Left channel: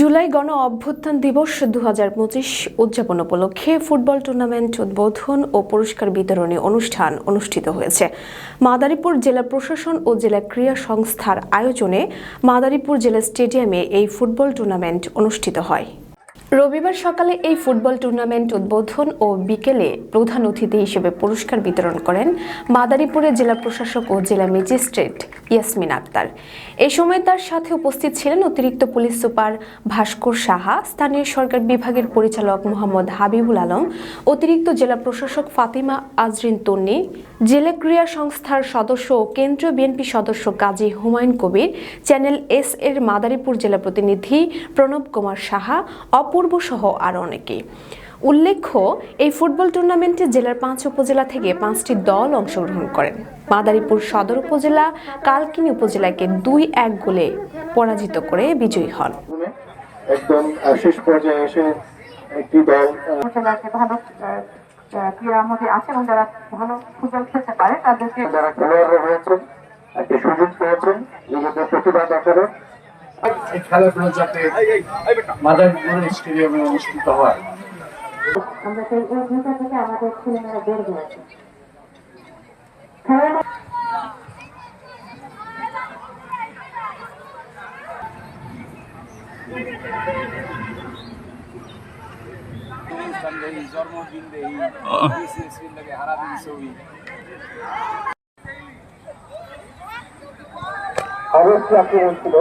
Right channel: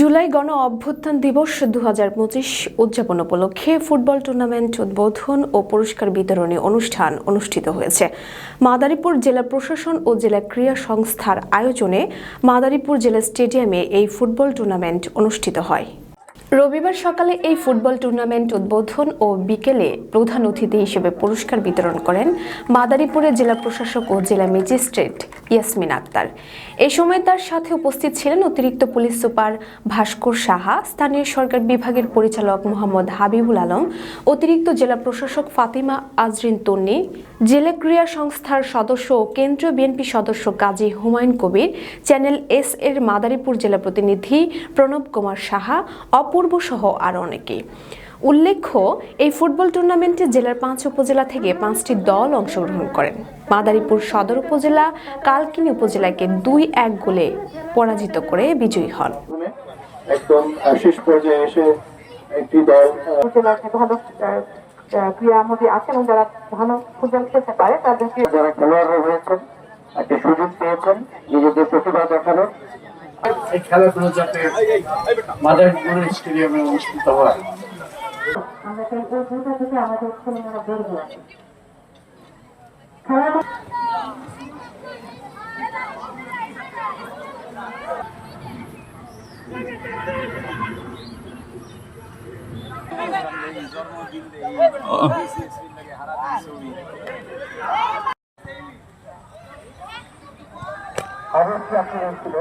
জুলাই গণ অভ্যুত্থান দিবস দু হাজার পঁচিশ উদযাপন উপলক্ষে ফুটবল টুর্নামেন্ট উদ্বোধন ও পুরস্কার বিতরণী অনুষ্ঠান অনুষ্ঠিত হয়েছে। মাদারীপুর জেলা প্রশাসন ও জেলা ক্রীড়া সংস্থার আয়োজনে মাদারীপুর জেলা স্টেডিয়ামে এই ফুটবল টুর্নামেন্ট অনুষ্ঠিত হয়। রবিবার সকালে এই ফুটবল টুর্নামেন্ট উদ্বোধন ও বিকেলে প্রধান অতিথি হিসেবে পুরস্কার বিতরণ করেন মাদারীপুরের জেলা প্রশাসক ও জেলা ম্যাজিস্ট্রেট ইয়াসমিন আক্তার। এ সময় তার সাথে উপস্থিত ছিলেন অতিরিক্ত পুলিশ সুপার ভাস্কর সাহা, স্থানীয় সরকার বিভাগের পরিচালক মোহাম্মদ হাবিবুল আলম, অতিরিক্ত জেলা প্রশাসক ফাতিমা আজরিন তন্নি, জেলা ক্রীড়া সংস্থার সদস্য ও কেন্দ্রীয় বিএনপি সদস্য কাজী হুমায়ুন কবির, চ্যানেল এস এর মাদারীপুর জেলা প্রতিনিধি প্রণব কুমার সাহা অপূর্ব সহ আরও অনেকে উল্লেখ্য এই ফুটবল টুর্নামেন্টে জেলার পাঁচ উপজেলা থেকে পাঁচটি দল অংশগ্রহণ করেন। মাদারীপুর সদর উপজেলা কালকিনি উপজেলাকে দুই এক গোলে পরাজিত করে বিজয়ী হন। একদম শেষ পর্যায়ে এসে একটি দল ক্রীড়ার মধ্যে আছে এবং যারা ভালো ফুটবল খেলতে পারে তাদেরকে যারা খেলোয়াড় হয়েছেন একটা সুযোগ পেয়েছেন নিজেদের প্রতিভা দেখানোর এই খেলাগুলো যাতে মাদারীপুর স্টেডিয়ামে অনুষ্ঠিত হয় আমরা দুটো থেকে আমাদের ছেলেমেয়েরা বের হয়ে খেলার অবশ্যই আক্রমণ ছিল।